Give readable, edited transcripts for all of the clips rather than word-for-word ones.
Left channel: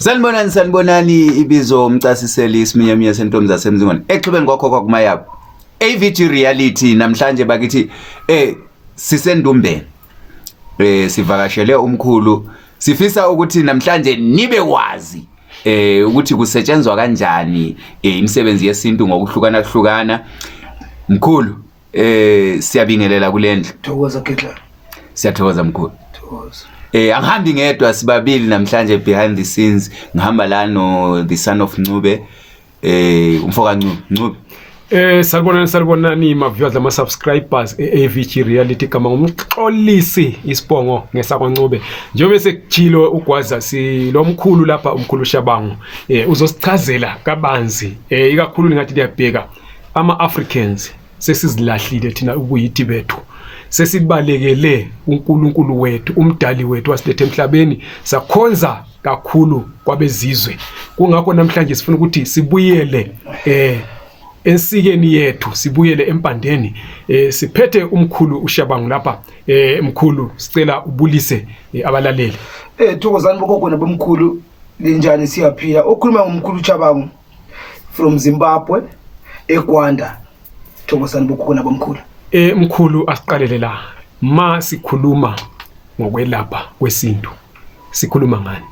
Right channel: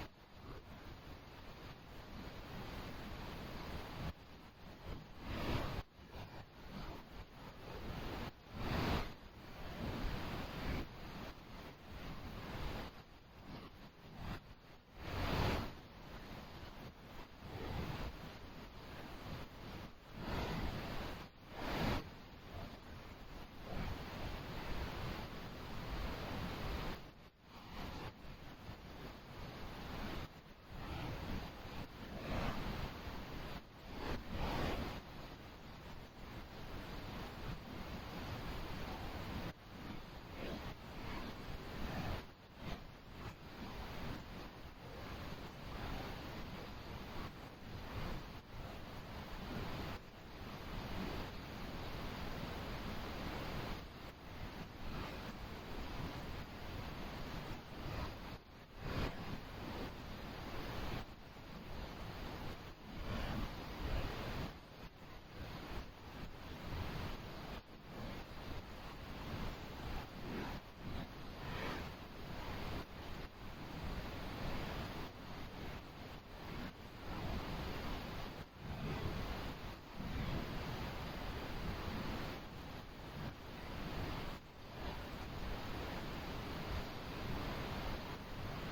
Sanibonani ibizo umchasiseli isiminyamiya sentombi zasemzingwane. Exhubeni kwakho kwakumayabo. AVG Reality namhlanje bakithi sisendumbeni. Sivakashele umkhulu. Sifisa ukuthi namhlanje nibe wazi ukuthi kusetshenzwa kanjani imisebenzi yesintu ngokuhlukana. Mkhulu siyabingelela kulendle. Thokoza Ketla. Siyathokoza mkhulu. Thokoza. Angihambi ngedwa sibabili namhlanje behind the scenes ngihamba la no the son of Ncube umfoka Ncube. Salibonani ma viewers ama subscribers AVG Reality kama ngumxolisi isibongo ngesakwa Ncube. Njengoba sekuchilo ugwaza si lo mkhulu lapha umkhulu Shabangu uzosichazela kabanzi ikakhulu lingathi liyabheka ama Africans sesizilahlile thina ubuyithi bethu. Sesibalekele uNkulunkulu wethu umdali wethu wasilethe emhlabeni sakhonza kakhulu kwabezizwe. Kungakho namhlanje sifuna ukuthi sibuyele ensikeni yethu, sibuyele empandeni. Siphethe umkhulu uShabangu lapha. Mkhulu sicela ubulise abalaleli. Thokozani bogogo nabomkhulu linjani siyaphila. Okhuluma ngomkhulu uShabangu from Zimbabwe eGwanda. Thokozani bogogo nabomkhulu. Mkhulu asiqalele la ma sikhuluma ngokwelapha kwesintu sikhuluma ngani?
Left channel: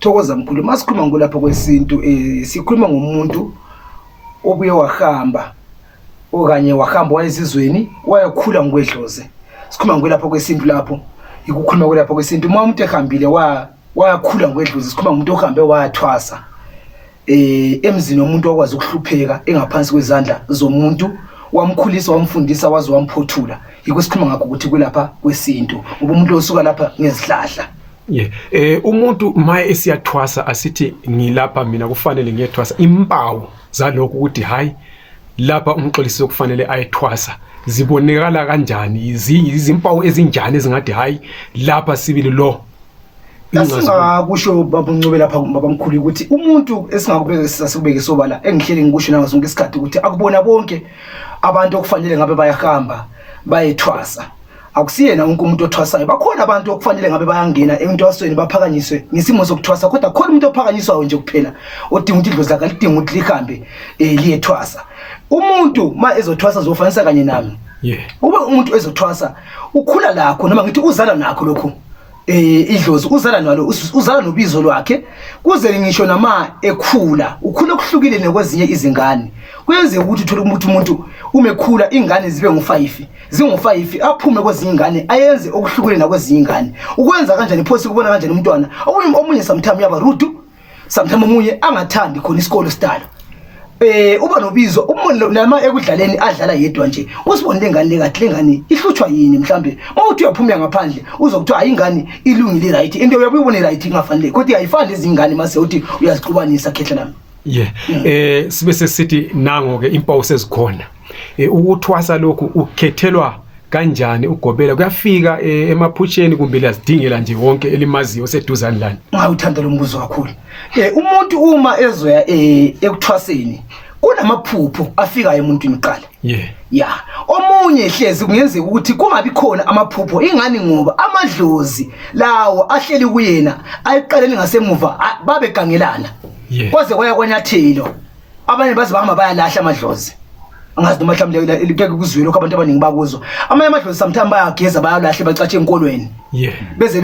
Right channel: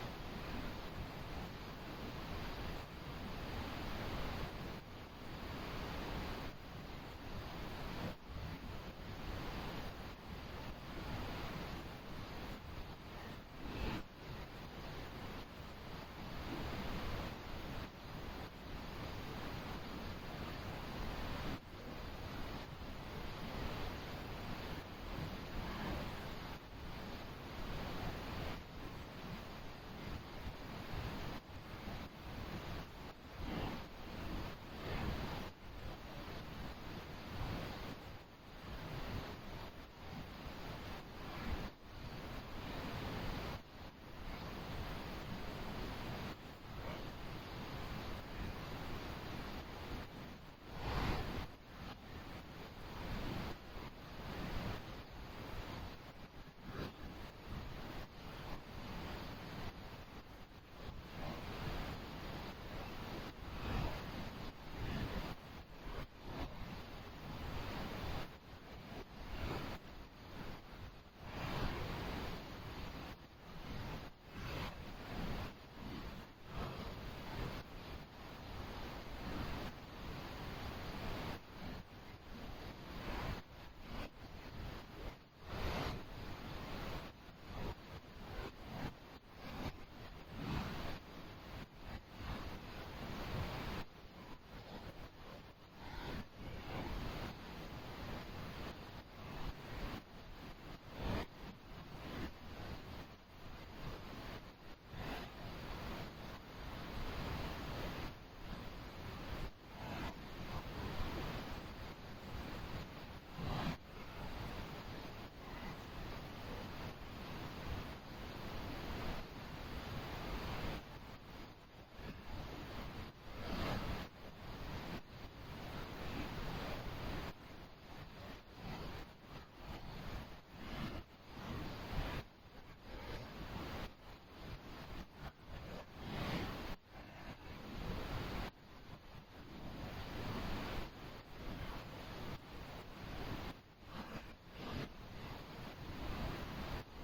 Thokoza mkhulu, masikhuluma ngolapha kwesintu sikhuluma ngomuntu obuye wahamba okanye wahamba wayezizweni wayakhula ngwedloze. Sikhuluma ngolapha kwesintu lapho ikukhuluma ngolapha kwesintu uma umuntu ehambile wayakhula ngwedloze. Sikhuluma ngomuntu ohambe wayathwasa emzini womuntu okwazi ukuhlupheka engaphansi kwezandla zomuntu wamkhulisa wamfundisa wazi wamphothula. Yiko sikhuluma ngakho ukuthi kulapha kwesintu ngoba umuntu osuka lapha ngezihlahla. Umuntu maye esiyathwasa asithi ngilapha mina kufanele ngiyethwasa impawu zalokho ukuthi hayi lapha umxolisi okufanele ayethwasa zibonekala kanjani izimpawu ezinjani ezingathi hayi lapha sibili lo Asingakusho babuncube lapha babamkhulu ukuthi umuntu esingakubeka sasibeke sobala engihleli ngikusho nazo zonke isikhathi ukuthi akubona bonke abantu okufanele ngabe bayahamba bayethwasa. Akusiyena wonke umuntu othwasayo. Bakhona abantu okufanele ngabe bayangena entwasweni baphakanyiswe ngisimo sokuthwasa kodwa khona umuntu ophakanyiswayo nje kuphela odinga ukuthi idlozi lakhe lidinga ukuthi lihambe liyethwasa. Umuntu ma ezothwasa zofanisa kanye nami. Ube umuntu ezothwasa ukhula lakho noma ngithi uzala nakho lokho idlozi uzala nalo uzala nobizo lwakhe kuze ngisho nama ekhula ukhula okuhlukile nekwezinye izingane. Kuyenze ukuthi uthole umuntu umekhula ingane zibe ngu5 zingu5 aphume kwezinye ingane ayenze okuhlukile nakwezinye ingane. Ukwenza kanjani phosi kubona kanjani umntwana omunye sometimes yaba rude sometimes omunye angathandi khona isikolo style. Uba nobizo umuntu nama ekudlaleni adlala yedwa nje usibonile ingane lekahle ingane ihlutshwa yini mhlambe mawuthi uyaphuma ngaphandle uzokuthiwa ayingane ilungile right into uyabuyibona right ingafanele kodwa ayifani izingane mase uthi uyazixubanisa khehla nami. Sibe sesithi nango ke impawu sezikhona. Ukuthwasa lokhu ukhethelwa kanjani ugobela kuyafika emaphutsheni kumbe lazidingela nje wonke elimaziyo seduzani lani? Ngawuthanda lo mbuzo kakhulu. Umuntu uma ezoya ekuthwaseni kunamaphupho afika emuntwini qala. Omunye hlezi kungenzeka ukuthi kungabi khona amaphupho ingani ngoba amadlozi lawo ahleli kuyena ayiqaleni ngasemuva babegangelana. Kwaze kwaya kwanyathelo abanye bazibahamba bayalahla amadlozi. Angazi noma mhlawumbe likeke kuzwelo lokho abantu abaningi bakuzwa. Amanye amadlozi sometimes bayageza bayalahle bacatshe enkolweni. Beze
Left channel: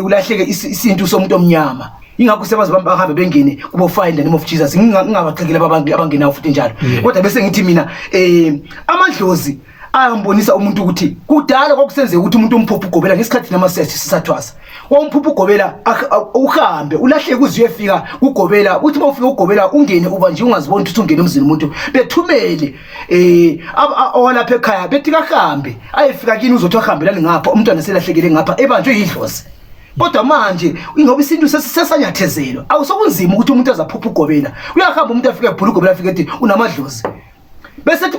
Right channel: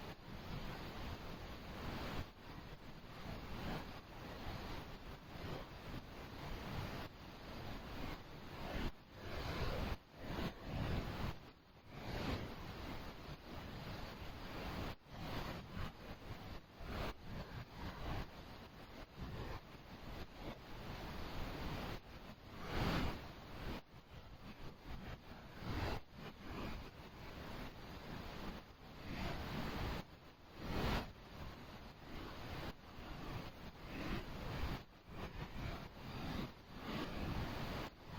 ulahleke isintu somuntu omnyama. Ingakho sebazibamba bahambe bengene kubo find the name of Jesus. Ngingabaqhekela abantu abangenayo futhi njalo. Kodwa bese ngithi mina amadlozi ayambonisa umuntu ukuthi kudala kwakusenze ukuthi umuntu umphuphu ugobela ngesikhathi namasethi sisathwasa. Wamphuphu ugobela uhambe ulahleke uziyefika ugobela uthi bawufika ugobela ungene uba nje ungazibona ukuthi ungene emzini umuntu bethumele owalapha ekhaya bethi kahambe ayefika kini uzothi ahambelani ngapha umntwana selahlekele ngapha ebanjwe idlozi. Kodwa manje ngoba isintu sesanyathezelwa awusokunzima ukuthi umuntu azaphupha ugobela uyahamba umuntu afike ebhula ugobela afike ethi unamadlozi. Bese ethi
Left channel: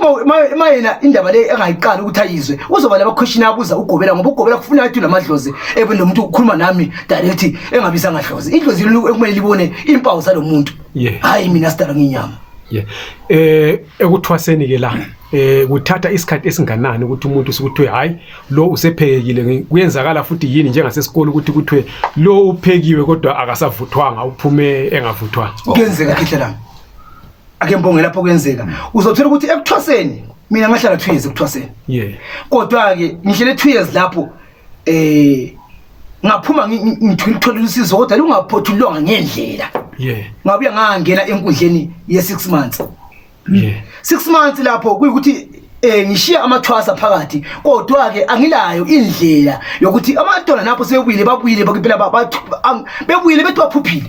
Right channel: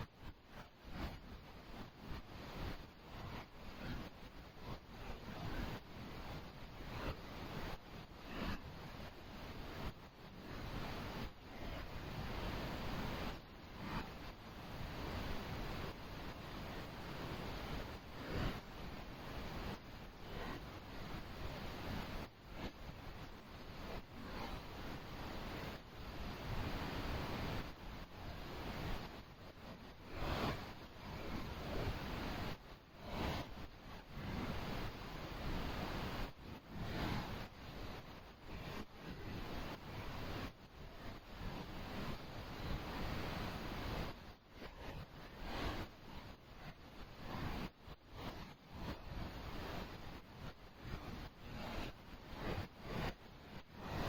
mayena indaba le engayiqala ukuthi ayizwe uzoba laba question abuza ugobela ngoba ugobela kufuna athi unamadlozi nomuntu ukukhuluma nami direct engabisa ngadlozi idlozi ekumele libone impawu zalomuntu hayi mina sidala nginyama. ekuthwaseni ke la kuthatha isikhathi esinganani ukuthi umuntu usukuthiwe hayi lo usephekile kuyenzakala futhi yini njengasesikole ukuthi kuthiwe lo uphekiwe kodwa akasavuthwanga uphume engavuthwanga kuyenzeka khehlela ake mbonge lapho kuyenzeka uzothola ukuthi ekuthwaseni mina ngahlala 2 years ekuthwaseni kodwa ke ngihlele 2 years lapho ngaphuma ngithola usizo kodwa lungaphothulwanga ngendlela ngabuya ngangena enkundleni ye6 months 6 months lapho kuyikuthi ngishiya amathwasa phakathi kodwa ke angilayo indlela yokuthi abantwana napho sebuyile babuyile bakuphela bebuyile bethi baphuphile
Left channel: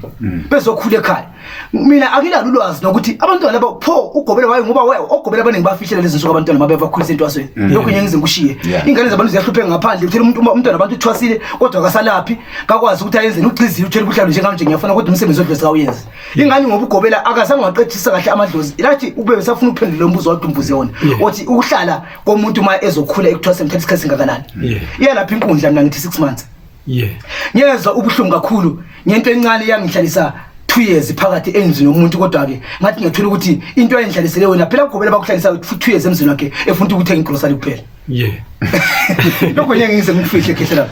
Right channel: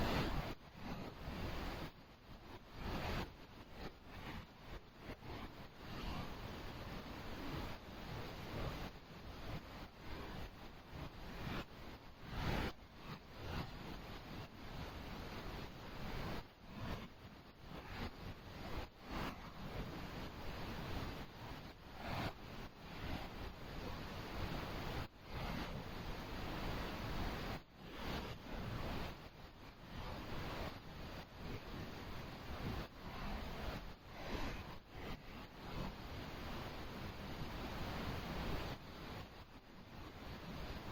bezokhula ekhaya mina angilalo ulwazi nokuthi abantwana laba pho ugobela wayo ngoba ogobela abaningi bafihlela lezi nsuku abantwana mabe bakhulisa entwasweni lokho nyengize ngishiye ingane zabantu ziyahlupheka ngaphandle uthela umntwana abantu uthwasile kodwa akasalaphi kakwazi ukuthi ayenze uxizile uthela ubuhlalo njengamanje ngiyafuna kodwa umsebenzi odlozi awuyenze ingane ngoba ugobela akazange waqedisa kahle amadlozi ilathi ube besafuna uphendula umbuzo wadumbuze yona uthi ukuhlala komuntu ma ezokhula ekuthwaseni mthatha isikhathi singakanani iyalapha inkundla mina ngithi 6 months ngiyezwa ubuhlungu kakhulu ngento encane yangihlalisa 2 years phakathi enzini yomuntu kodwa ke ngathi ngiyathola ukuthi into ayendlalisele wena phela ugobela bakuhlalisa 2 years emzini wakhe efuna ukuthenga igrocery kuphela lokho ngiyengize ngikufihle khehlela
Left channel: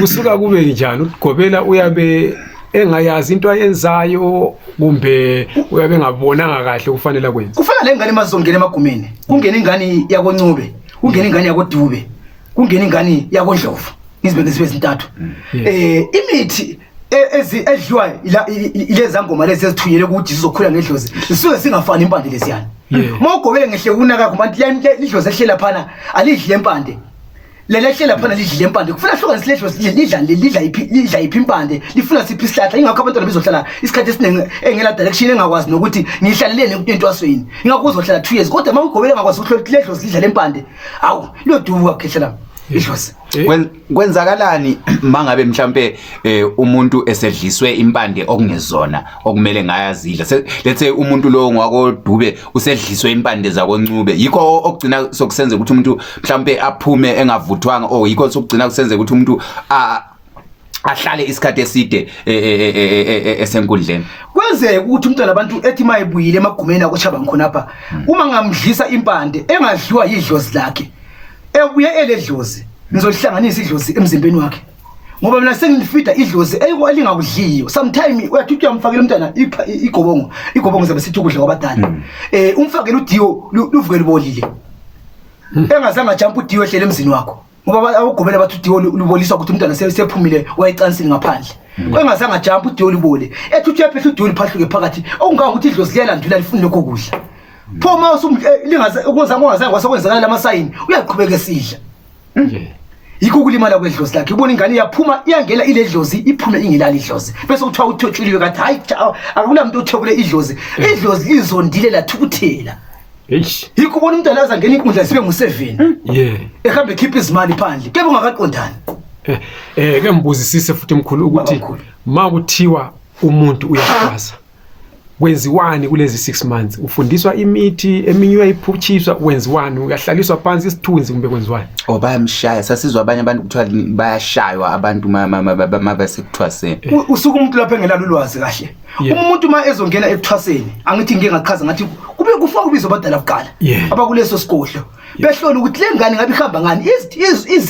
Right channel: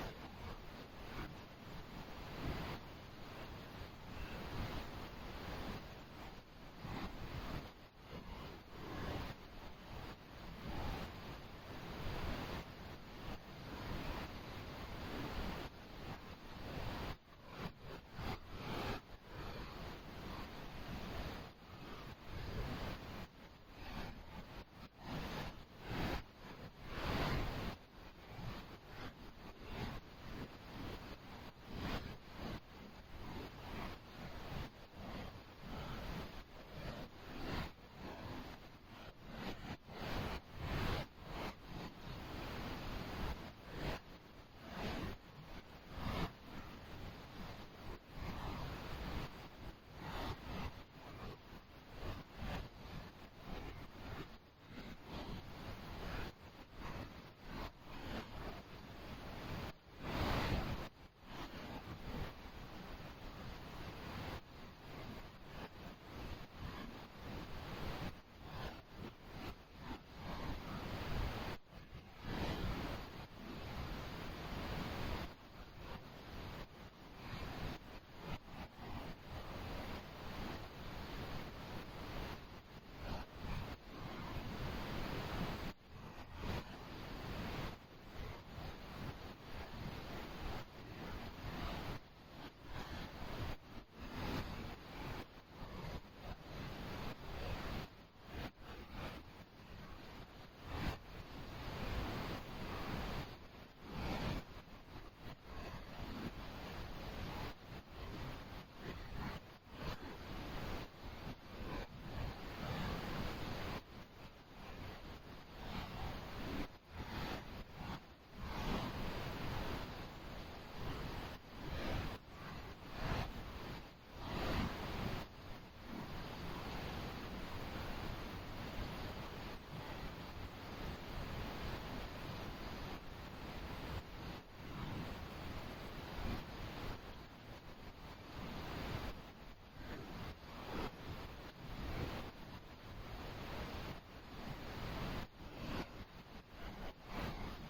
kusuka kube njani ugobela uyabe engayazi into ayenzayo kumbe uyabe ngabonanga kahle kufanele kwenza kufana lengane mazongena emagumeni kungena ingane yakoNcube kungena ingane yakoDube kungena ingane yakoNdlovu ngizibeke sibe zintathu imithi edliwa ileza ngoma lezi ezithuyele ukuthi sizokhula ngedlozi sisuke singafani impande lesiyana mawugobele ngehle kunaka kubantu lidlozi ehlela phana alidli empande lele hlela phana lidli empande kufuna hlukanise ledlozi lidla iphi impande lifuna siphi isihlahla ingakho abantwana bezohlala isikhathi esiningi engela direction engakwazi nokuthi ngihlalelene entwasweni ingakho uzohlala 2 years kodwa mawugobele ngakwazi ukuthi ledlozi lidla empande awu liyoduka khehlela idlozi kwenzakalani mangabe mhlambe umuntu esedliswe impande okungezona okumele ngayazidla let's say umuntu lo ngwakoDube usedliswe impande zakoNcube yikho okugcina sokusenza ukuthi umuntu mhlambe aphume engavuthwanga yikho sokugcina kusenza ukuthi umuntu ahlale isikhathi eside esenkundleni kwenzeka ukuthi umntwana abantu ethi mayibuyile emagumeni akoChaba ngikhonapha uma ngamdlisa impande engadliwa yidlozi lakhe ebuye eledlozi ngizolihlanganisa idlozi emzimbeni wakhe ngoba mina sengifida idlozi elingakudliyo sometime uyathi uyamfakela umntana igobongo zabe sithi ukudla kwabadala umfakela udiyo luvuke libolile engazange jump udiyo ehlele emzini wakho ngoba abagobela bathi udiyo luboliswa ukuthi umntana sephumile wayecansini ngaphandle engazange jump udiyo libole ethi uyaphehla udiyo liphahluke phakathi okunganga ukuthi idlozi liyalandula lifuna lokho kudla pho ma lingaze ongazange kwasekwenzakala lamasayini uyaqhubeka esidla yikho kulimala kwedlozi lakhe ubona ingane iyaphuma iyangela iledlozi iphume ingilali idlozi bese kuthiwa uthotshuliwe kathi hayi akulamuntu othobule idlozi lizondile lathukuthela yikho ubona umntwana azangena inkundla sibe ngu7 ehambe khipha izimali phandle kebe ungakaqondani ke mbuzisise futhi mkhulu ukuthi makuthiwa umuntu uyakhwaza wenziwani kulezi 6 months ufundiswa imithi eminye uyayiphutshiswa wenziwani uyahlaliswa phansi isithunzi kumbe kwenziwani bayamshaya sasizwa abanye abantu kuthiwa bayashaywa abantu mabasekuthwaseni usuku umuntu lapha engelalo ulwazi kahle umuntu ma ezongena ekuthwaseni angithi ngeke ngachaza ngathi kube kufa kubizo badala kuqala abakuleso sikohlo behlola ukuthi lengane ngabe ihamba ngani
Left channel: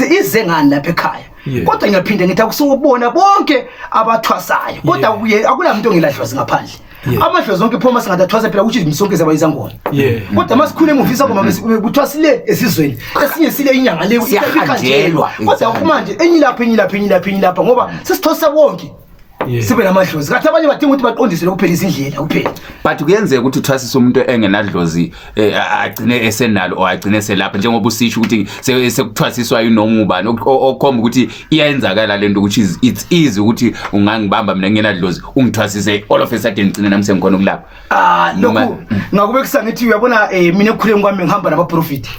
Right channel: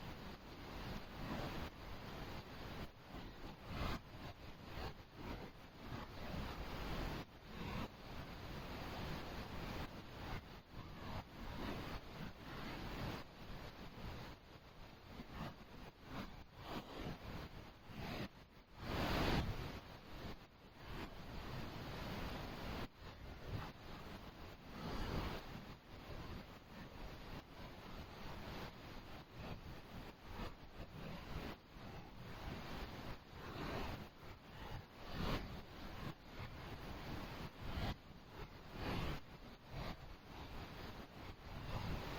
ize ngani lapha ekhaya kodwa ngiyaphinde ngithi akusubona bonke abathwasayo kodwa akulamuntu ongeladlozi ngaphandle amadlozi zonke phoma singathwasa phela ukuthi imisonke zabayizangona kodwa masikhule emuvisa ngoma kuthwasile esizweni esinye sile inyanga le ikhanjelwa kodwa kumanje enyilapha ngoba sesithwasa wonke sibe namadlozi kathi abanye badinga ukuthi baqondise lokuphelisa indlela kuphela but kuyenzeka ukuthi uthwasise umuntu engenadlozi agcine esenalo or agcine selapha njengoba usisho ukuthi sekuthwasiswa yinoma ubani okhomba ukuthi iyayenzakala lento ukuthi it's easy ukuthi ungangibamba mina ngenadlozi ungithwasise all of a sudden ngcine nami sengikhona ukulapha lokho ngakubekisa ngithi uyabona mina ekukhuleni kwami ngihamba nabaprofiti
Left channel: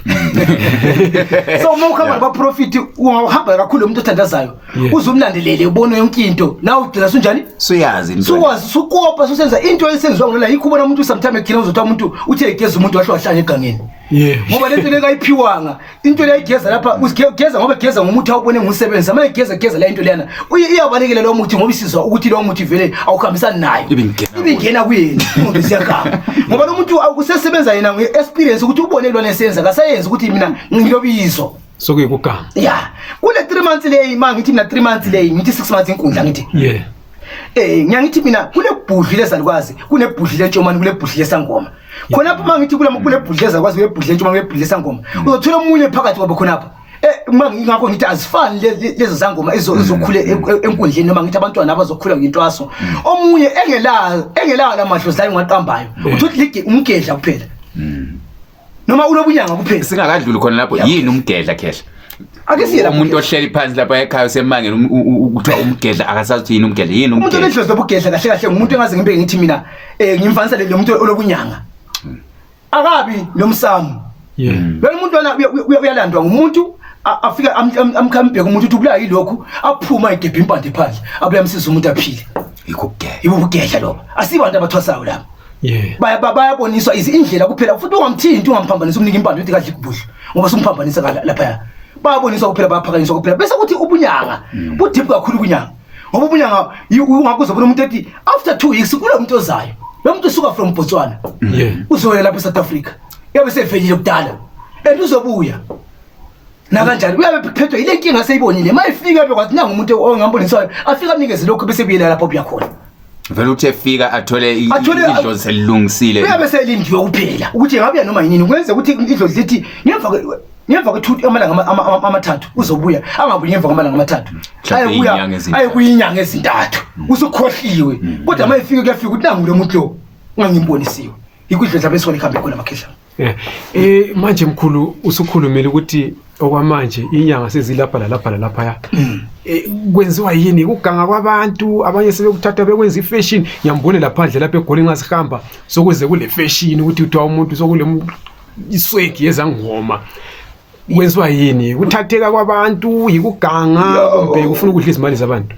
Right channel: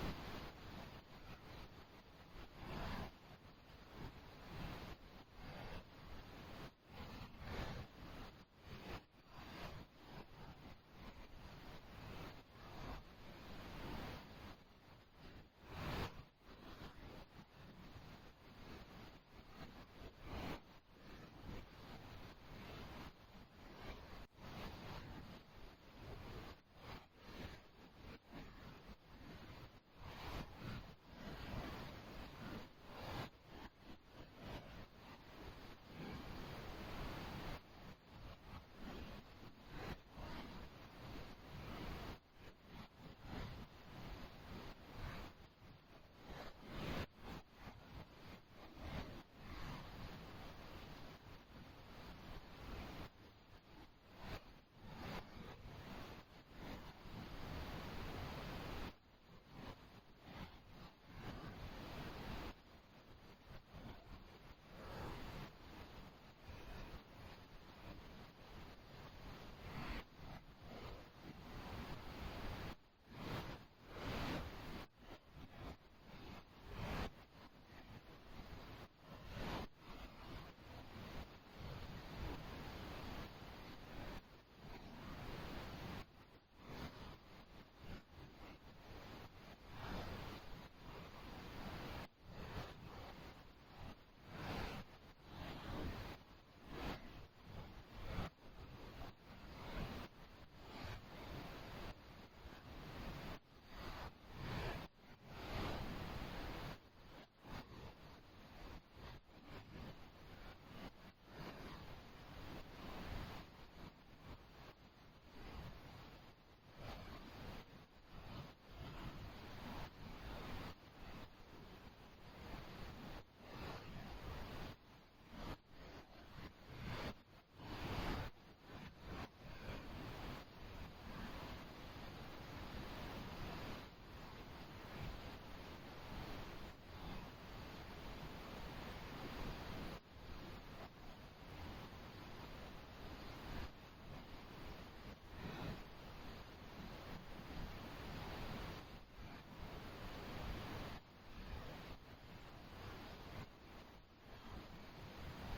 so uma ukhamba nabaprofiti ungahamba kakhulu umuntu othandazayo uzumlandelele ubone yonke into nawe ugcina uzizwa sunjani suyazi into sukwazi sukopa susenza into esenziwa ngala yikho ubona umuntu sometimes egcina uzotha umuntu uthi egeza umuntu wahlwahlanye egangeni ngoba lento leka ayiphiwanga into le ayigeza lapha usigeza ngoba egeza ngomuthi awubone ngumsebenzi ama egeza la into leyana iyabalekela lo muthi ngoba isizwa ukuthi lo muthi vele awukhambisani nayo ibingena kuyena umuntu siyagama ngoba lo muntu akusesebenza yena ngeexperience ukuthi ubone lo nesenza kasayenza ukuthi mina ngilobizo sokuyikugama kule 3 months leyi mangithi mina 3 months leyi ngithi 6 months inkundla ngithi ngiyangithi mina kule bhudli lezalikwazi kunebhudli lentshomani kule bhudli lesangoma khonapha mangithi kule bhudli lezakwazi kule bhudli lentshomani kule bhudli lesangoma uzothola umunye phakathi kwabo khonapha ngingakho ngithi azifani lezo zangoma ezokhule enkundleni noma ngithi abantwana abazokhula ngintwaso omunye engelayo lamadlozi la ngaqambayo uthi umgedla kuphela noma ulobunyanga kuphela singakadluli khona lapho yini umgedla khehla akesiya umuntu ohleli phansi lapha ekhaya usemangeni ukuthi umgedla akasathi yini umgedla yini umuntu onedlozi lobugedla kahle kahle ngumuntu engaze ngibe ngithi mina ngimfanisa le muntu olobunyanga akabi nomsamo lo muntu uyalandwa ngumuntu afika amkhambeke umuntu uthi kubula yilokho aphuma egebhe impande phandle abuya amsiza umuntu aphile ibugedla lo asibantu abathwasayo lapha bayaboniswa izindlela kuphela futhi ungamthinti ungamphambanisa umnika impande uthi kahle kubudla ngoba sumphambanisa lapha bayaboniswa kuphela bayaphakanyiswa kuphela bese kuthi ubunyanga budiphu kakhulu ubunyanga ngoba ubunyanga ungakuza bona umuntu ethi after 2 weeks kule muntu ozayo lo muntu usuka from Botswana uzoya lapha eSouth Africa yabe sevelile kudala uzobuya na kanjani uyabe phethwe ile nkinga seyibonile mayifika bekwathi nanga umuntu ongambonisayo afika anikeze lokho bese buyela lapho buya khona vele uthi efika athole idlozi selilungisile uyabe selindiwe kuphela ukuthi ngabe noma yini kwenze ukuthi idlozi lithi ngemva kwethuthi amalanga amathathu uzobuya angabuyi ngemva kwamalanga amathathu aye kuyinyanga ezintathu usukhohliwe kodwa mayifika kuyafika ukuthi nangu lo muntu lo ungangimbonisiwe ikudlodla bese ikhambe khona amakhehla manje mkhulu usukhulumile ukuthi okwamanje inyanga sezilapha lapha kwenziwa yini ukuganga kwabantu abanye sebekuthatha bekwenza ifashion ngiyambone laphandle lapha egoli ngasihamba sokuze kule fashion ukuthi uthiwa umuntu sokule iswegi yezangoma kwenziwa yini kuthatheka kwabantu yikuganga kumbe ufuna ukudla izimali zabantu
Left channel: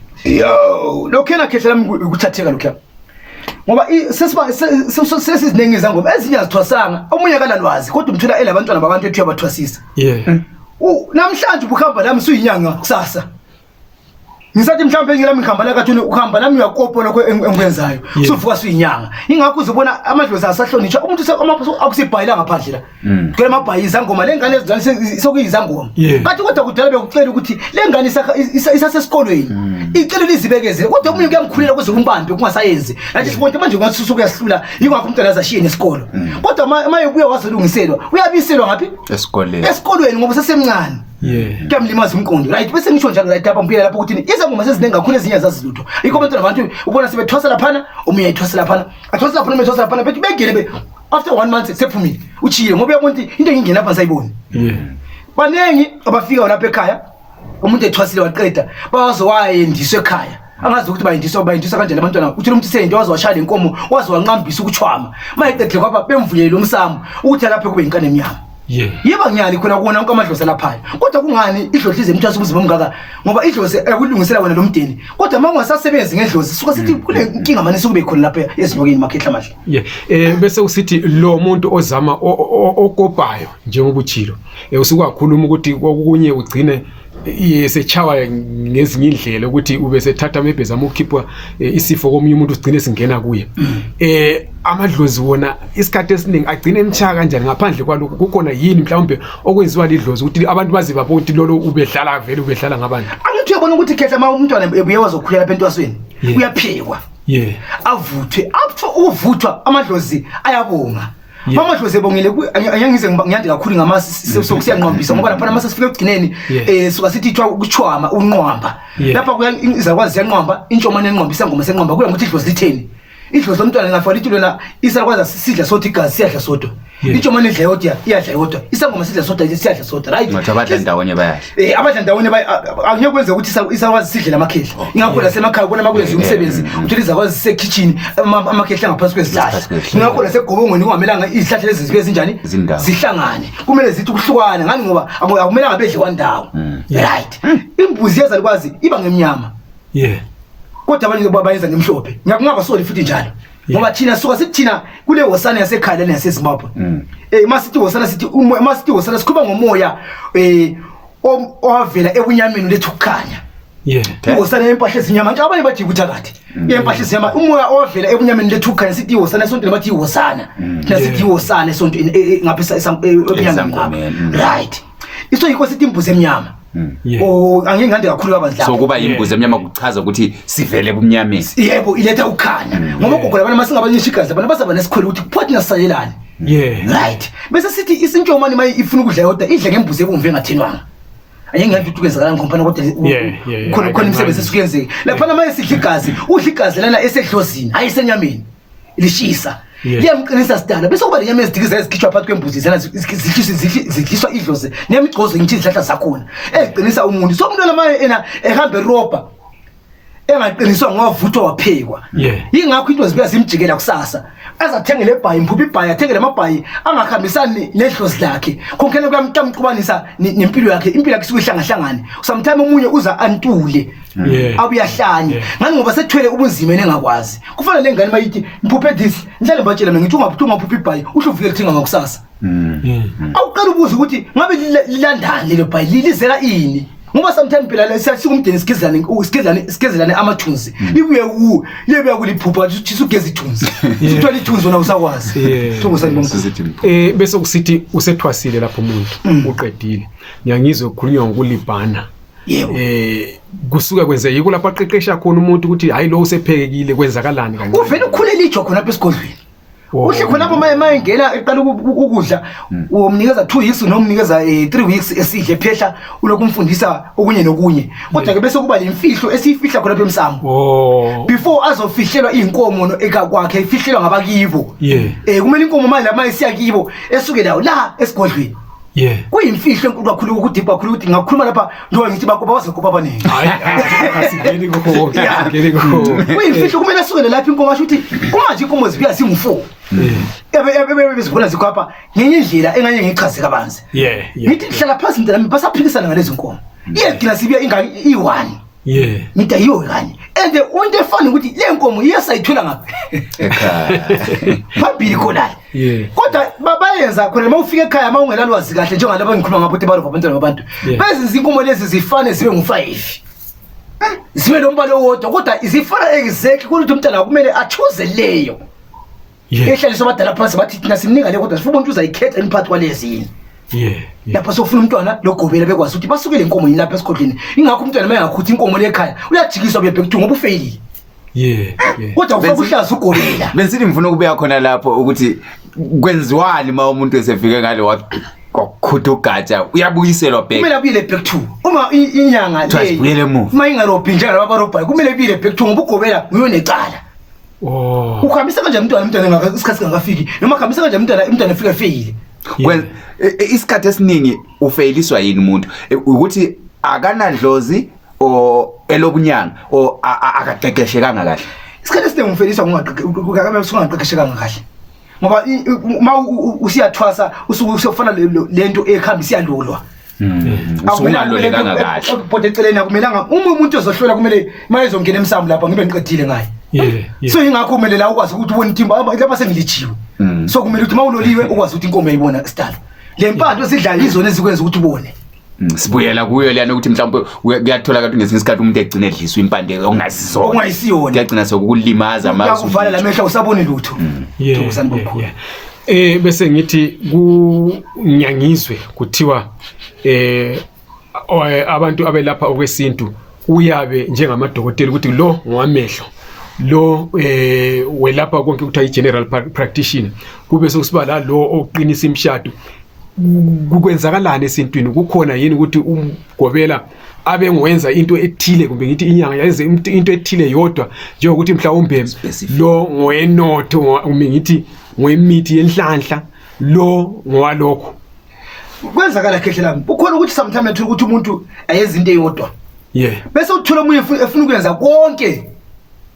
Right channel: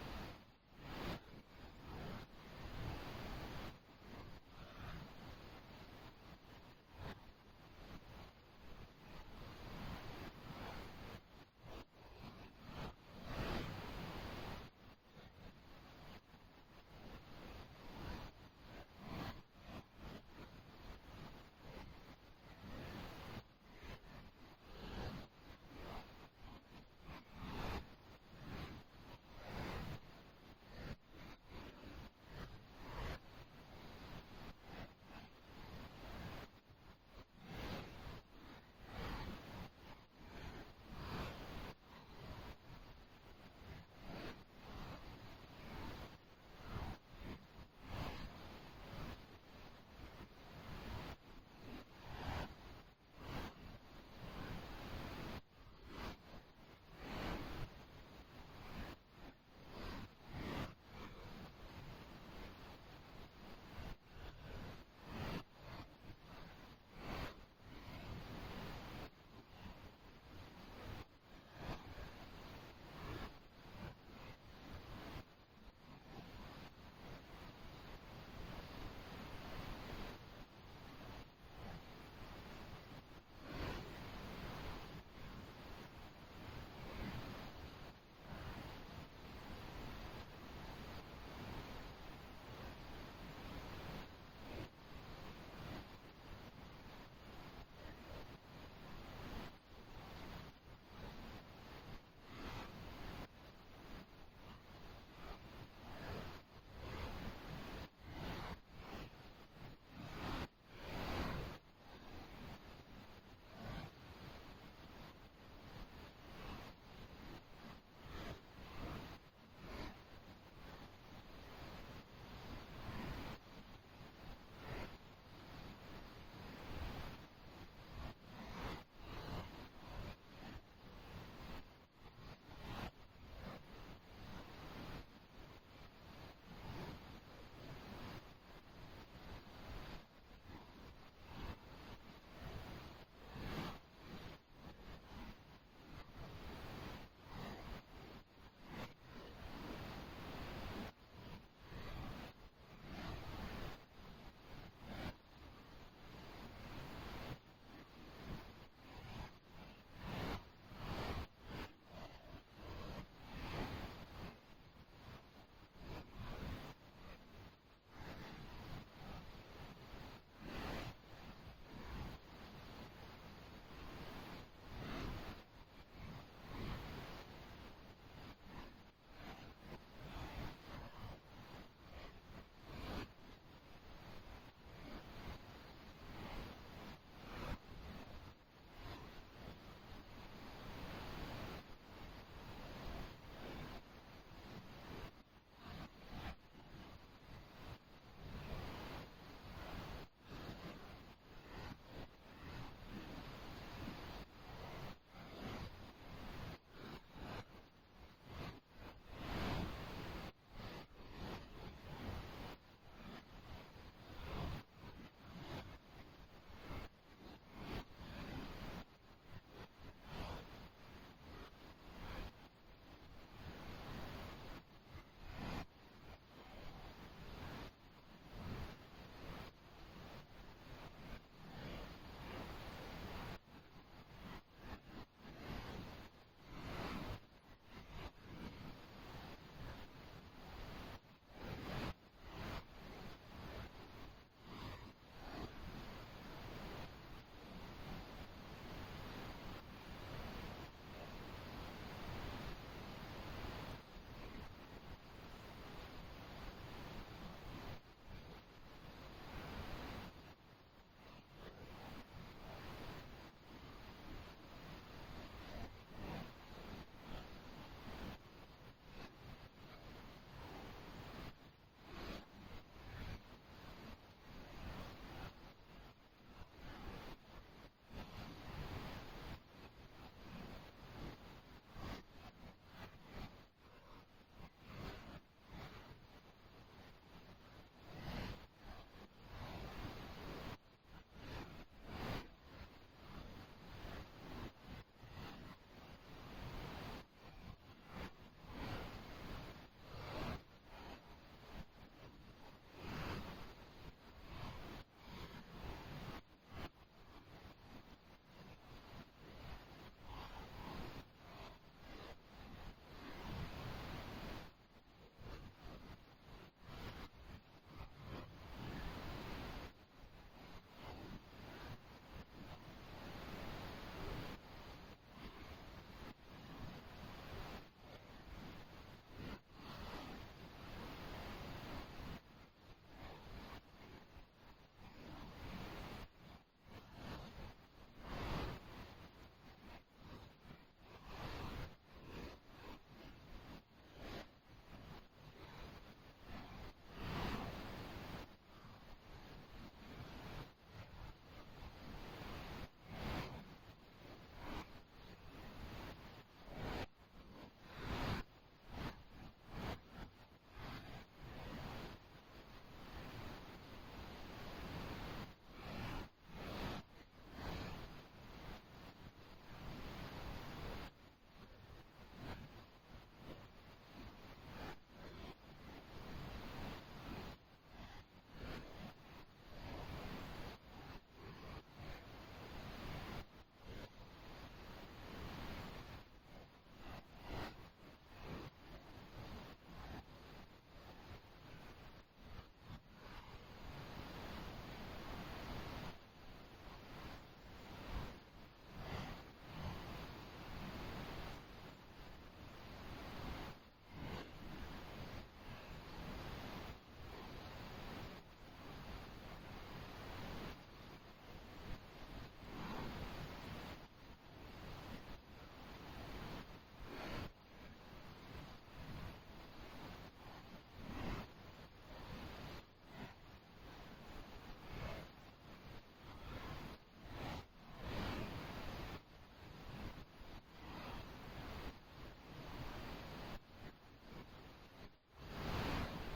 lokho yena khehla lami ukuthatheka lokho ngoba sesiziningi izangoma ezinye azithwasanga omunye akalalwazi kodwa umthola elabantwana babantu ethu yabathwasisa namhlanje ubukhamba lami suyinyanga kusasa ngisathi mhlawumbe ngilami ngikhamba la kathuni ukhamba lami uyakopa lokho engikwenzayo suvuka suyinyanga ingakho uzobona amadlozi asahlonishwa umuntu akusibhayila ngaphandle la kule mabhayi izangoma lengane ezizwana sokuyizangoma kathi kodwa kudala bekucela ukuthi lengane isasesikolweni icela lizibekezele kodwa umuntu kuyamkhulela kuze kumbambe kungasayenzi nathi sibonke manje ngasusuka kuyahlula ingakho umntwana azashiye nesikolo kodwa maye ubuye wazolungiselwa uyabiselwa ngapi esikolweni ngoba sesemncane kuyamlimaza umqondo right bese ngisho njalo right apha mpila lapho ukuthi izangoma sezinengi kakhulu ezinye zazilutho ikho abantwana abantu ubona sebethwasa laphana omunye ayithwasa laphana athwasa laphana umethwasa laphana bethi begele after 1 month sephumile uchiye ngoba uyabona ukuthi into engingena lapha sayiboni banengi abafika lapha ekhaya umuntu ethwasile waqeda bazowayendiswa ekhaya angazi ukuthi bayindiswa kanjani abantwana uthi umuntu seyinto wazowashaya lenkomo wazowanqambisa ukuchwama mayeqedle kwaba bemvuyele umsamo ukuthi lapha kube inkane emnyama yeba ngiyali khona kuona konke amadlozi lapha kodwa kungani idlozi zemthwasa ubuzima omngaka ngoba idlozi ekulungisela wena lo mdeni kodwa mangasasebenzi ngedlozi suka sithi kule inkinga manje sokube khona lapha ezinokeni makhehla amahle bese usithi lo muntu ozama okopayo njengoba uchilo usukwakhuluma ukuthi kokunye ugcine yesechawa ngezinye indlela ukuthi ube sethatha mebheza ukukhipha isifo komunye umuntu sigcine singena kuye amadlozi wona isikhathi esiningi agcine emchaka kanjani ngaphandle kwalokho kukhona yini mhlawumbe okwenziwa lidlozi ukuthi abantu baziba ukuthi lolo ubedlala vele ubedlala ngabantu angithi uyabona ukuthi khehla uma umntwana ebuye wazokhulela lapha entwasweni uyaphekwa avuthwe up to uvuthwa amadlozi ayabonga mama dlozi ebongile angize ngiyande kakhulu ngamasi sokusiyanqambisa ngoba lapha mase sifike egcineni suka sithi ithwa ukuchwama unqwamba lapha kuyizakwazi yanqwamba intshomane enqwambisa ngoma senqwamba kuya ngokuthi idlozi litheni idlozi lomntwana ngafala ithi lona isakwazi sidla sothi igazi siyadla sodwa intshomane idla yodwa iyadla yodwa isangoma sidla sodwa siyadla sodwa right ngathi abadla ndawonye bayadla abadla ndawonye angeke kwenze ukuthi isakwazi sidle lamakhehla ingakho la semakhaya bona makwenza umsebenzi uthi izakwazi sekitchen amakhehla ngaphansi kwezihlahla ingakho la segobongweni kungamelanga izihlahla lezi zibe zinjani zihlangane kumele zithi ukuhlukana ngani ngoba akumelanga bedle kwandawo right imbuzi yezalukwazi iba ngemnyama kodwa abanye bayenza ngemhlophe ngakungabasoli futhi njalo ngoba thina suka sithina kule hosana yasekhaya lana yaseZimbabwe masithi hosana sithi masithi hosana sikhuluma ngomoya owavela ebunyameni lethu kukhanya ihosana yempahla ezinyama nje abanye bathi kuthakathi yempahla ezinyama umoya owavela ebunyameni lethu kukhanya sithi ihosana esontweni bathi ihosana nasithi ihosana esontweni ngaphisa ebunyameni right iso yikho sithi imbuzi emnyama angingande kakhulu kabanzi so kuba imbuzi emnyama kuchaza ukuthi sivele ebumnyameni yebo iletha ukukhanya ngoba gogola abantu masingabanyisha igazi abantu basaba nesikhwele ukuthi kuphathi nasayelana right bese sithi isintshomani maye ifuna ukudla yodwa idle ngembuzi ebomvu engathenwanga ayengeke ukwenzakala ngompana kodwa khona imisebenzi esukenzeke lapha maye sidla igazi udla igazi lana esedlozini ayisenyameni lishisa liyamqinisa sidala bese kuba lenyama ezidikiza ezikhishwa phakathi kwembuzi zana zidliswa idlozi nemigcozo ngithi izihlahla zakhona eziqinisa umuntu so umuntu lamaye ena ehamba eroba engaqiniswa ngowavuthwa waphekwa yingakho into zibuya zimjikela kusasa azathengele ebhayi impuphi ibhayi athengele amabhayi angakhambisani nedlozi lakhe konke kuyamqubanisa nempilo yakhe impilo yakhe sikuhlangahlangane sometimes umunye uza antule abuyahlanye ngani ngoba sethwele ubunzima engakwazi kufanele lengane mayithi impuphi this njalo batshela mina ngithi ungaphuma impuphi ibhayi uhluvike lithenga ngakusasa awuqala ubuza ukuthi ngabe lilandani lelo bhayi lilizela ini ngoba sometimes phela lesikumdeni sikezelane amathunzi libuye libuye kuliphupha ukuthi sugeza ithunzi sithola ithunzi wona usakwazi bese kusithi usethwasile lapho umuntu uqedile ngiyangizwe ukukhulunywa ngokulibhana kusuka kwenze yiko lapha aqeqesha khona umuntu ukuthi hayi lo usephekekile kwenzakalani kancane uvela ukhulela ijwa khona lapha esigodlweni uhle khona lapho maye ngena eqala ukudla umnikeza 2 weeks noma umnikeza 3 weeks esidle phehla ulokumfundisa okunye nokunye kodwa ke bese kuba lemfihlo esifihla khona lapha emsamo before azofihlelwa inkomo ekakwakhe ifihlelwa ngabakibo kumele inkomo manje maye siya kibo esuke la esigodlweni kuyimfihlo enkulu kakhulu ukuthi kakhulu ukuthi ngakhuluma lapha ndo ngithi bakuba wasekopa abaningi asigeni kokho kuyimfihlo kumele asukele lapha inkomo asho ukuthi manje inkomo zibuya zingu4 ebe bizibona zikhapha ngenye indlela enganye ngichaze kabanzi ngithi hlala phansi mntana basaphikisana ngalezi inkomo iyegcina sibuya i1 ngithi ayiyo kanye and into efana ukuthi le nkomo iyasayithola ngapha phambili khona kodwa bayenza khona mawufika ekhaya mawungelalwazi kahle njengalabo ngikhuluma ngabo ukuthi baro abantwana babantu bese inkomo lezi zifane zibe ngu5 zibe lombalo owodwa kodwa izifana exactly ukuthi umntana kumele achoose leyo ehlaliswa abadala phansi bathi thina simnika le kodwa sifuna umuntu uzayikhetha imphathi kwalezini lapha sofuna umntwana logobela bekwazi ukuthi basukele inkomo yilapha esigodleni ingakho umntwana mayengakhuthi inkomo lekhaya uyajikiswa bebhekuthu ngoba ufeyilile kodwa ufaka uhlaza ugobela besithi ngifuna ukubuya khona lapho ukuthi kwenziwani uma umuntu esefike ngale wakhutha ugatsha uyabuyiselwa back kumele abuyele back to uma inyanga le uma ingarobhi njalo abarobhayo kumele abuyele back to ngoba ugobela uyonecala ukhambisa kanjani umntwana isikhathi ngakafiki noma khambisa kanjani umntwana efika efeyile isikhathi esiningi ufeyiliswa yini umuntu ukuthi akanadlozi o elobunyanga o akaqeqeshekanga kahle isikhathi esiningi ufeyiliswa ungaqeqeshekanga kahle ngoba usiyathwasa usufana lento ekhambisa iyalolwa usungalolekanga kahle kodwa eceleni akumelanga umuntu ozohlola kumele mayezongena emsamo lapha ngibe ngiqedile ngaye so ingakho kumele la ukwazi ukuthi ubone intimba lapha sengilichiwe so kumele ukuthi mawuloliwe ukwazi ukuthi inkomo yayibona sidala lempando esidlala izona ezikwenza ukuthi ubone sibuyela kuyo lana ukuthi mhlawumbe kuyathola kanti ngesinye isikhathi umuntu egcina edliswa impande ongayisiyona kuyagcina sokulimaza amazi uvala lamehla usabone lutho bese ngithi kunyangizwe kuthiwa abantu abelapha okwesintu uyabe njengamadokotela ukuthi lo ngwamehlo lo welapha konke kuthiwa i-general practitioner kube sokusiba la lo oqinisa imshado kukwenzakalana esintwini kukhona yini ukuthi umgobela abe ngwenza into ethile kumbe ngithi inyanga yayenze into ethile yodwa njengokuthi mhlawumbe lo ngwenotho kumbe ngithi ngwemithi yenhlanhla lo ngwalokho kwenzakala khehle lami ukhona ukuthi sometimes ethu ukuthi umuntu ayenza into eyodwa bese uthola umunye efuna ukwenza konke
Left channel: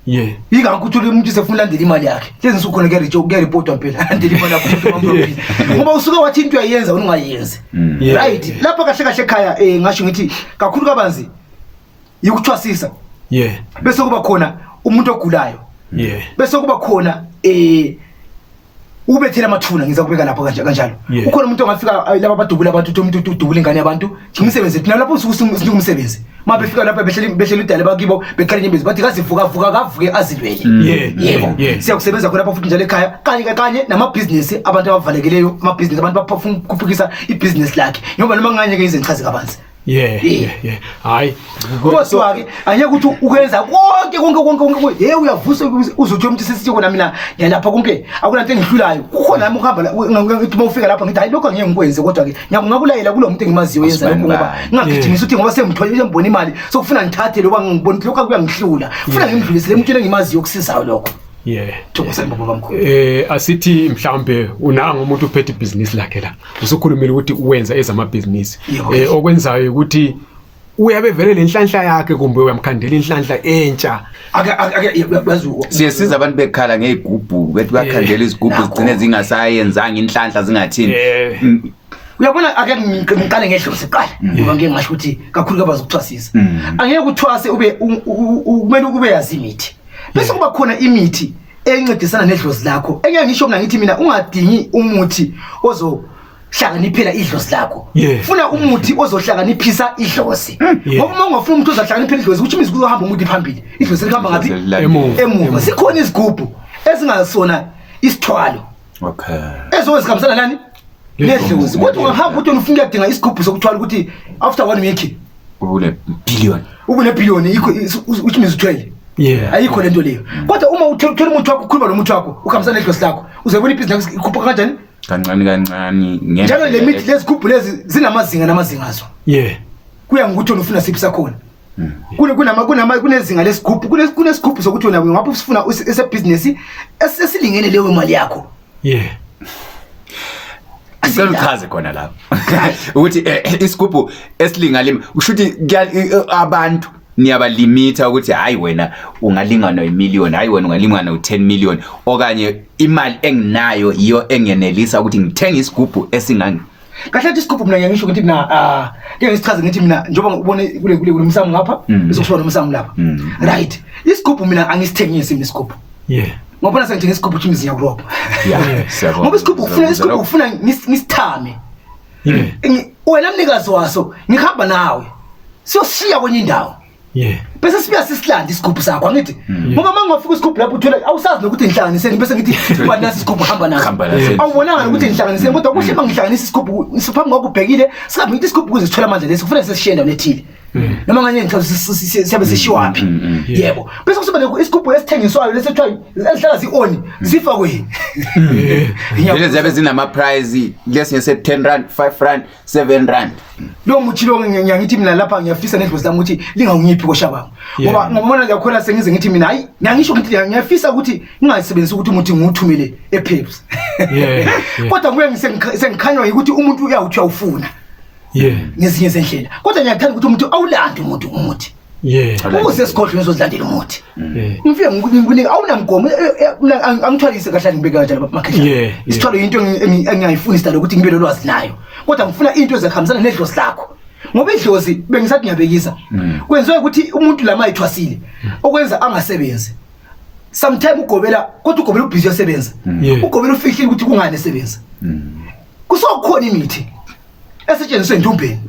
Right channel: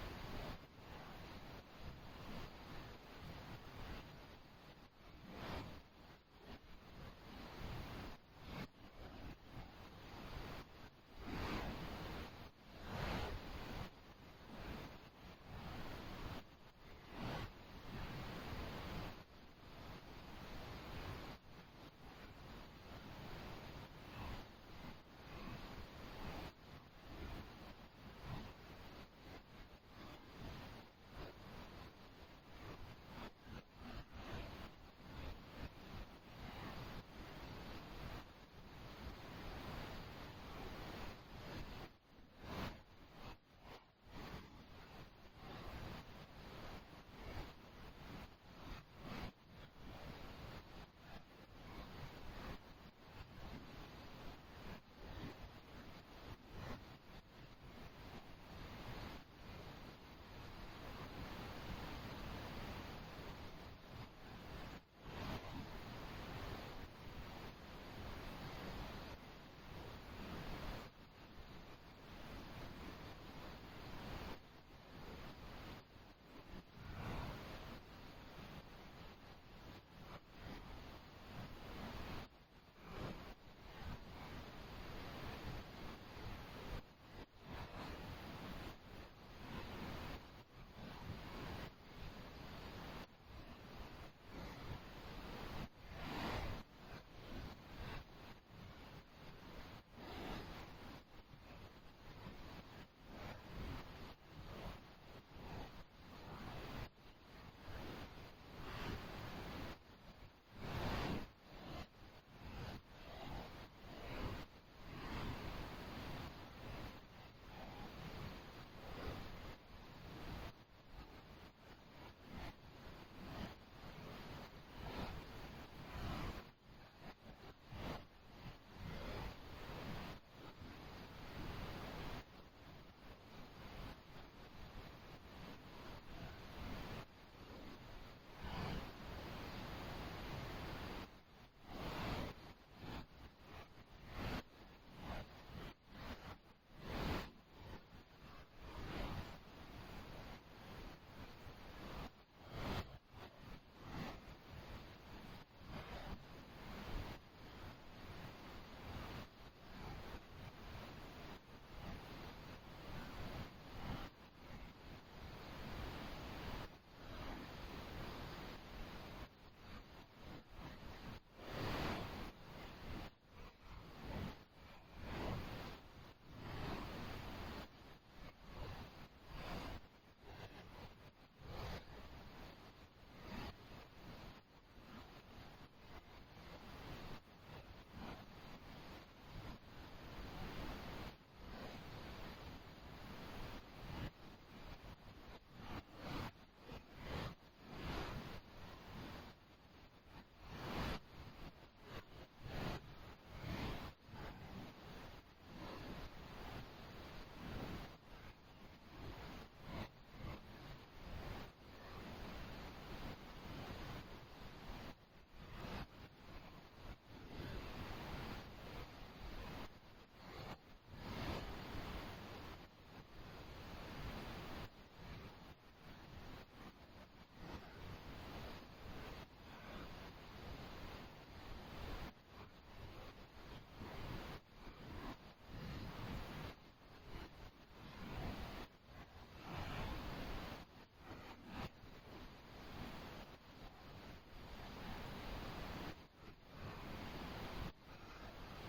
Yika ukuthi umuntu sefuna landela imali yakhe. Lezi nsuku khona ke report phela landela imali yakhe. Ngoba usuke wathi into uyayenza ungayenzi. Right. Lapha kahle kahle ekhaya ngasho ngithi kakhulu kabanzi yikuthwasisa. Bese kuba khona umuntu ogulayo bese kuba khona ubethela amathuna ngiza kubeka lapho kanjalo ukhona umuntu ongafika laba badubula abantu umuntu udubula ingane yabantu ngimsebenze thina lapho usuke umsebenzi mabefika lapha behlela idale bakibo bekhala inyembezi bathi kazivuka kavuke azilwele yebo siyakusebenza khona lapho futhi njalo ekhaya kanye namabhizinisi abantu abavalekileyo amabhizinisi abantu bafuna ukukhuphukisa ibhizinisi lakhe noma nganye ke izenchazi kabanzi hayi kodwa ke anyeke ukuthi ukwenza konke uyavusa uzothi umuntu sesithi kona mina ngiyalapha konke akunanto engihlulayo kukhona nami ukuhamba ngithi mawufika lapha ngithi hayi lokho angeke ngikwenze kodwa ke ngiyakulayela kulo muntu engimaziyo yenza lokho ngoba ngingagijimisa ukuthi ngoba semthola ngibona imali sokufuna ngithathe lokho ngibona lokho akuyangihlula ufuna ngimdlulisele umuntu engimaziyo ukusizayo lokho Thokozani baba mkhulu. Asithi mhlambe unanga umuntu uphethe ibhizinisi lakhe la. Usukhulumile ukuthi uwenza ezamabhizinisi. Okwenzayo ukuthi uyabe vele lenhlanhla yakhe kumbe uyamkhandela inhlanhla entsha. Siyasiza abantu bekhala ngezigubhu bethi bakhandela izigubhu zigcine zingasayenzanga inhlanhla zingathini. Uyabona ake ngiqale ngehloso siqala ngoba ngeke ngasho ukuthi kakhulu kabazi ukuthwasisa. Angeke uthwase ube kumele ube yazi imithi. Bese kuba khona imithi encedisana nedlozi lakho. Engeke ngisho mina ngithi mina ungadingi umuthi ozohlakaniphela idlozi lakho. Funa umuthi ozohlakaniphisa idlozi. Ngoba uma ungafuna umuntu ozohlakaniphela idlozi ukuthi imizi kuzohamba umuthi phambili. Idlozi lihamba ngapi? Emuva. Sikhona izigubhu ezingasona isithwalo. Okay. Ezozikhambisana nani? Nedlozi. Kodwa ungahamba ukuthi ufuna ukudinga isigubhu sokuthwala ukuthi after 1 week ubune billion. Ubune billion ikho uthi mizithwele. Ayikho lento leyo. Kodwa uma uthola umuntu wakho ukhuluma nomuntu wakho ukhambisana nedlozi lakho uzobona ibhizinisi ikhuphuka kanjani? Kancane njalo le mithi lezigubhu lezi zinamazinga azo. Kuya ngokuthi ufuna siphi sakhona. Kunezinga lesigubhu kunesigubhu sokuthi wena ngapha usifuna esebusiness esilingene leyo imali yakho. Asichaze khona lapho. Ukuthi isigubhu esilingale ushuthi abantu niyabalimita ukuthi hayi wena ungalingana no1 million, hayi wena ungalingana no10 million okanye imali enginayo iyo engenelisa ukuthi ngithenga isigubhu esingani. Kahle isigubhu mina ngisho ukuthi mina ngeke ngisichaze ngithi mina njengoba ubone kule umsamo ngapha besokushona umsamo lapha. Right. Isigubhu mina angisithengisi isigubhu. Ngoba sengithi isigubhu chimizi yakurobha. Ngoba isigubhu ufuna ngisithame. Wena mnikazi waso ngihamba nawe. Siyoshiya kwenye indawo. Bese sibuya sisilanda isigubhu sakho angithi ngoba mangafika isigubhu lapho uthola awusazi nokuthi ngihlanganiseni bese ngithi kuba nasi isigubhu hamba naso awubonanga ukuthi ngihlanganiseni kodwa kuhle mangihlanganisa isigubhu siphambi kwakho ubhekile singabe ngithi isigubhu kuzithola manje lesi kufanele sesishenda nethile noma nganye ngithola siyabe sishiwaphi yebo bese kusuba isigubhu esithengiswayo lesethwa ezihlala zioni zifakwe lezi ziyabe zinama price lesinye se10 rand 5 rand 7 rand lo muthi lo ngiyangithi mina lapha ngiyafisa nedlozi lami ukuthi lingawungiphi koshabanga ngoba ngibona yakhola sengize ngithi mina hayi ngiyangisho ukuthi ngiyafisa ukuthi ngingayisebenzisi ukuthi umuthi ngiwuthumele ePeps kodwa kuye ngisengikhanywa ukuthi umuntu uyawuthi awufuna ngezinye zendlela kodwa ngiyathanda ukuthi umuntu awulande umuthi ukuze sikhohle ngizodlandela umuthi ngifike ngikunika awunamgomo angithwalise kahle ngibeka kanjalo bamakhehla isithwalo into engiyayifuna isitalo ukuthi ngibe lolwazi nayo kodwa ngifuna into ezikhambisana nedlozi lakho ngoba idlozi bengisathi ngiyabekisa kwenziwe ukuthi umuntu lama ayithwasile okwenza angasebenzi sometimes ugobela kodwa ugobela ubhizi yasebenza ugobela ufihlile ukuthi kungane esebenza kusokhona imithi esetshenziswe endumbeni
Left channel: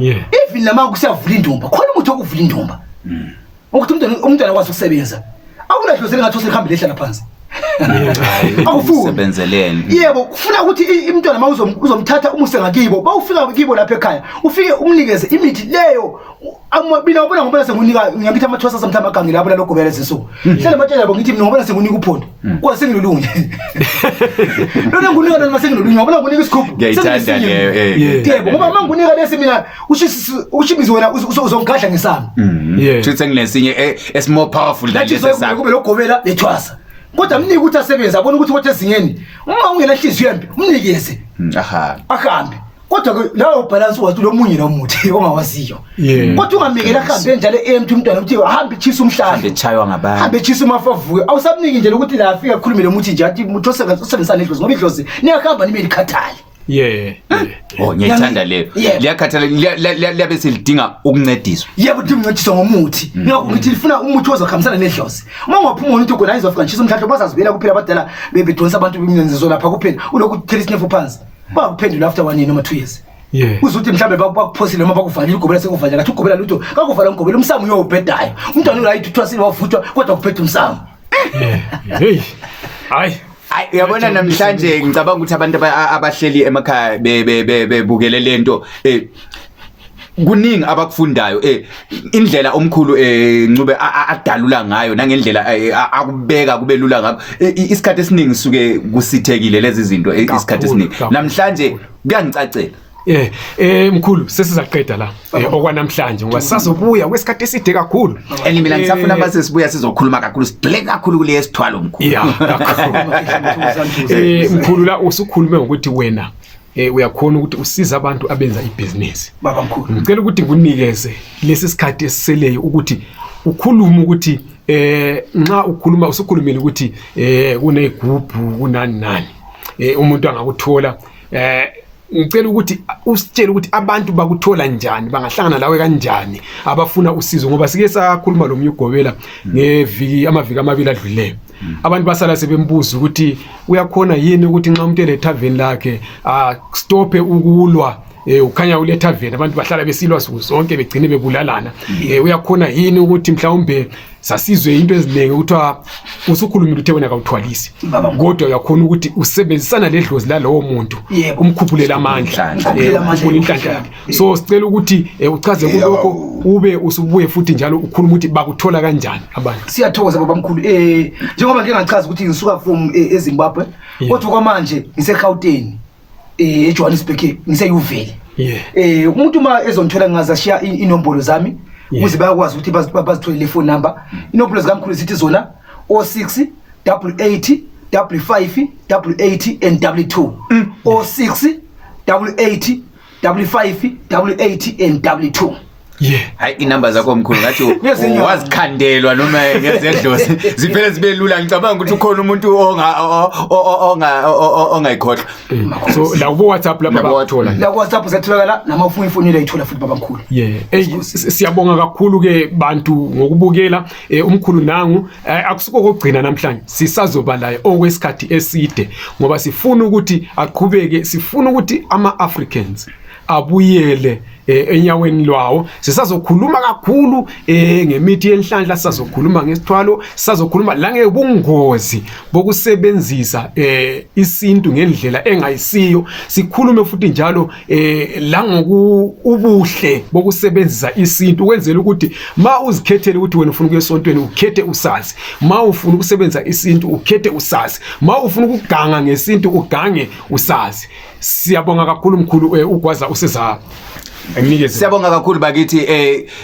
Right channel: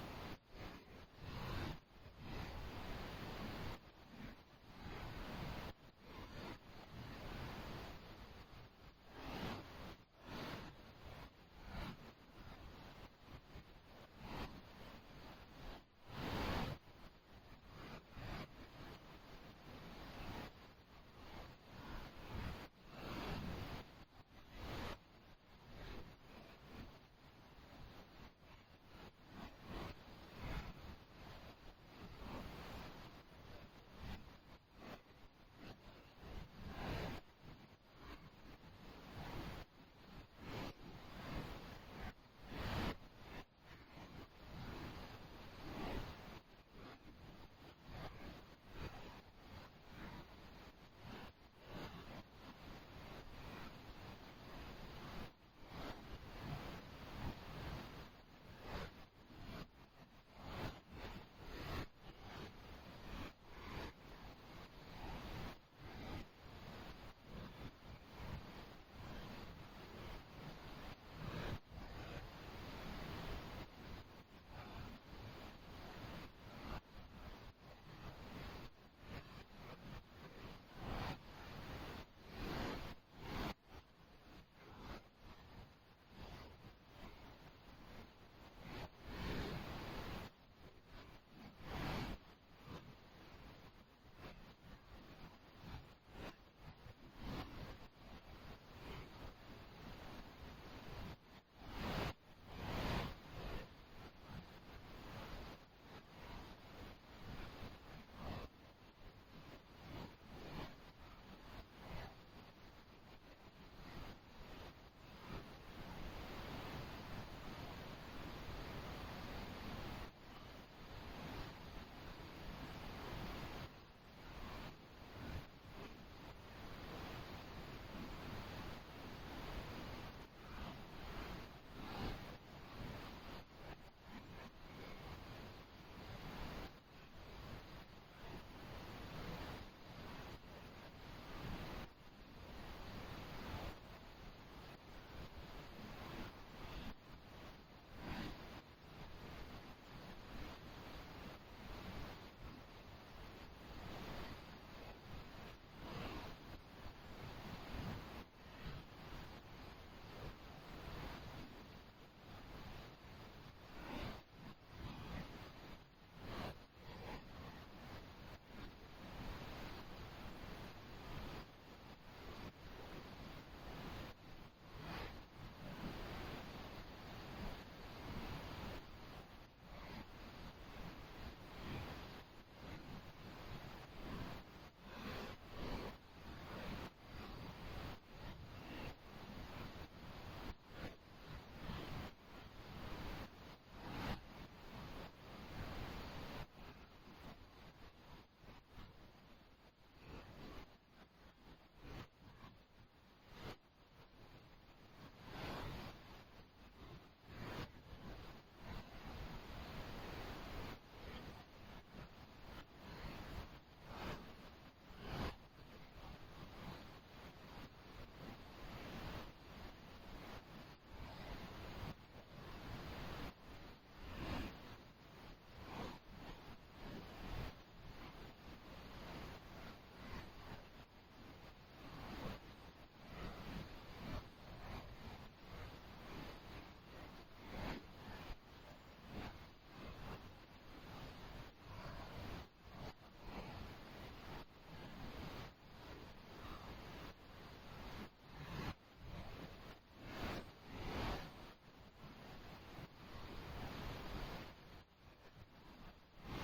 even lama kusiyavula indumba khona umuntu okuvula indumba ukuthi umntwana akwazi ukusebenza awunadlozela ngathi usekhamba lehlala phansi awusebenzeleni yebo kufuna ukuthi umntwana uzomthatha umuse ngakibo bawufika kibo lapha ekhaya ufike umnikeze imithi leyo amabina ubona ngoba sengunika ngiyabithi amathwasa somthamba gangi lapho lokugobela lezinsuku hlala matshela yabo ngithi mina ngoba sengunika uphondo kwasengilulunye lona ngunika noma sengilulunye ngoba ngunika isigubhu ngiyayithanda leyo yebo ngoba mangunika lesi mina ushimizi wena uzongadla ngesami futhi senginesinye more powerful than lesi sakho kube lokugobela lethwasa kodwa mnike ukuthi asebenza abone ukuthi wethe ezingeni uma ungena hliziyo yembi umnikeze ahambe kodwa ke lawo balance wathi lo munye nomuthi ongawaziyo kodwa ungamekela ahambe njalo emthi umntwana uthi ahambe chisa umhlahla hambe chaywa ngabani hambe chisa umafavuke awusabniki nje ukuthi la afika khulumele umuthi nje athi umuthi osebenzisana nedlozi ngoba idlozi niyahamba nibe likhathali Oh ngiyithanda leyo. Liyakhathala liyabe selidinga ukuncediswa. Yebo dingincediswa ngomuthi. Ngakho ngithi lifuna umuthi ozokhambisana nedlozi. Uma ungaphuma umuntu ogona izofika nje umhlahlo bazazibela kuphela abadala bebedonsa abantu bemnyenzizo lapha kuphela. Uloku thela isinefu phansi. Bakuphendula after 1 year noma 2 years. Uzuthi mhlambe bakuphosile noma bakuvalile ugobela sekuvalile ngathi ugobela lutho kakuvala ugobela umsamo uyobhedayo. Umntwana urayithi uthwasile wavuthwa kodwa kuphethe umsamo. Hey. Hayi Uyabona namhlanje ngicabanga ukuthi abantu abahleli emakhaya bebukele lento kuningi abakufundayo indlela omkhulu Ncube adalula ngayo nangendlela akubeka kube lula ngakho isikhathi esiningi suke kusithekile lezi zinto isikhathi esiningi namhlanje kuyangicacela mkhulu sesizaqeda la okwanamhlanje ngoba sazobuya kwesikhathi eside kakhulu mina ngisafuna base sibuya sizokhuluma kakhulu sidle kakhulu kule sithwalo mkhulu mkhulu la usukhulume ngokuthi wena uyakhona ukuthi usiza abantu abenza ibusiness baba mkhulu ngicela ukuthi nginikeze lesi sikhathi esiseleyo ukuthi ukhuluma ukuthi nxa ukhuluma usukhulumile ukuthi kunegroup kunani umuntu angakuthola ngicela ukuthi usitshele ukuthi abantu bakuthola njani bangahlangana lawe kanjani abafuna usizo ngoba sike sakhuluma lo myugobela amaviki amabili adluleyo abantu basala sebembuza ukuthi uyakhona yini ukuthi nxa umuntu ele tavern lakhe stophe ukulwa ukhanya ule tavern abantu bahlala besilwa zonke begcine bebulalana uyakhona yini ukuthi mhlawumbe sasizwe into eziningi ukuthiwa usukhulumile uthe wena akawuthwalisi kodwa uyakhona ukuthi usebenzisana ledlozi lalowo muntu umkhuphulela amandla ukhuphula inhlanhla yakhe so sicela ukuthi uchaze kulokho ube usubuye futhi njalo ukhuluma ukuthi bakuthola kanjani abantu siyathokoza baba mkhulu njengoba ngingachaza ukuthi ngisuka from eZimbabwe kodwa kwamanje ngise-Gauteng eJohannesburg ngise-Uvele umuntu uma ezongithola ngingazashiya inombolo zami ukuze bayakwazi ukuthi bazitholele phone number inombolo zikamkhulu zithi zona 06 88 55 88 and 2 06 88 55 88 and 2 hayi inamba zakho mkhulu ngathi wazikhandelwa noma ngezedlozi ziphele zibe lula ngicabanga ukuthi ukhona umuntu ongayikhohlwa so la ku WhatsApp lapha bathola la ku WhatsApp zatholakala namafoni ifonile ayithola futhi baba mkhulu siyabonga kakhulu ke bantu ngokubukela umkhulu nangu akusuko kokugcina namhlanje sisazoba laye okwesikhathi eside ngoba sifuna ukuthi aqhubeke sifuna ukuthi ama-Africans abuyele enyaweni lwawo sisazokhuluma kakhulu ngemithi yenhlanhla sisazokhuluma ngesithwalo sisazokhuluma la ngebungozi bokusebenzisa isintu ngendlela engayisiyo sikhulume futhi njalo la ngokubuhle bokusebenzisa isintu kwenzela ukuthi ma uzikhethele ukuthi wena ufuna ukuya esontweni ukhethe usazi ma ufuna ukusebenzisa isintu ukhethe usazi ma ufuna ukuganga ngesintu ugange usazi siyabonga kakhulu mkhulu ugwaza useza siyabonga kakhulu bakithi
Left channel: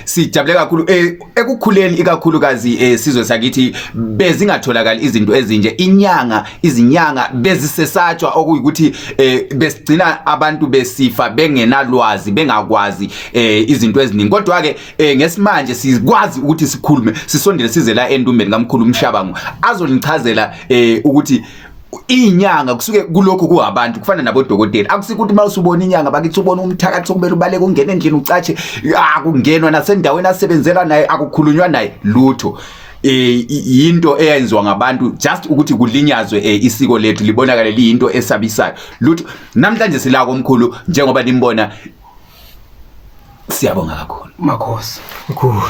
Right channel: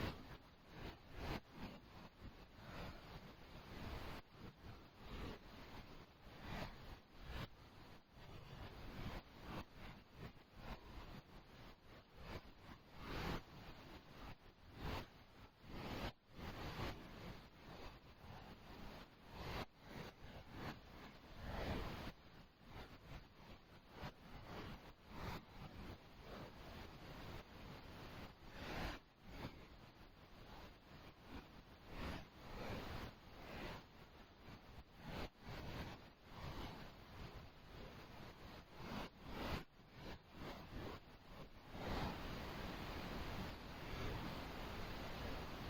sijabule kakhulu ekukhuleni ikakhulukazi sizwe sakithi bezingatholakala izinto ezinje izinyanga bezisesatshwa okuyikuthi besigcina abantu besifa bengenalwazi bengakwazi izinto eziningi kodwa ke ngesimanje sikwazi ukuthi sikhulume sisondele size la endumbeni kaMkhulu Mshabangu azonichazela ukuthi inyanga kusuke kulokho kuhabantu kufana nabodokotela akusikuthi ukuthi mawusubona inyanga bakithi ubona umthakathi sokumele ubaleke ungene endlini ucatshe akungenwa nasendaweni asebenzela naye akukhulunywa naye lutho yinto eyenziwa ngabantu just ukuthi kulinyazwe isiko lethu libonakala liyinto esabisayo lutho namhlanje silako omkhulu njengoba nimbona siyabonga kakhulu makhosi mkhulu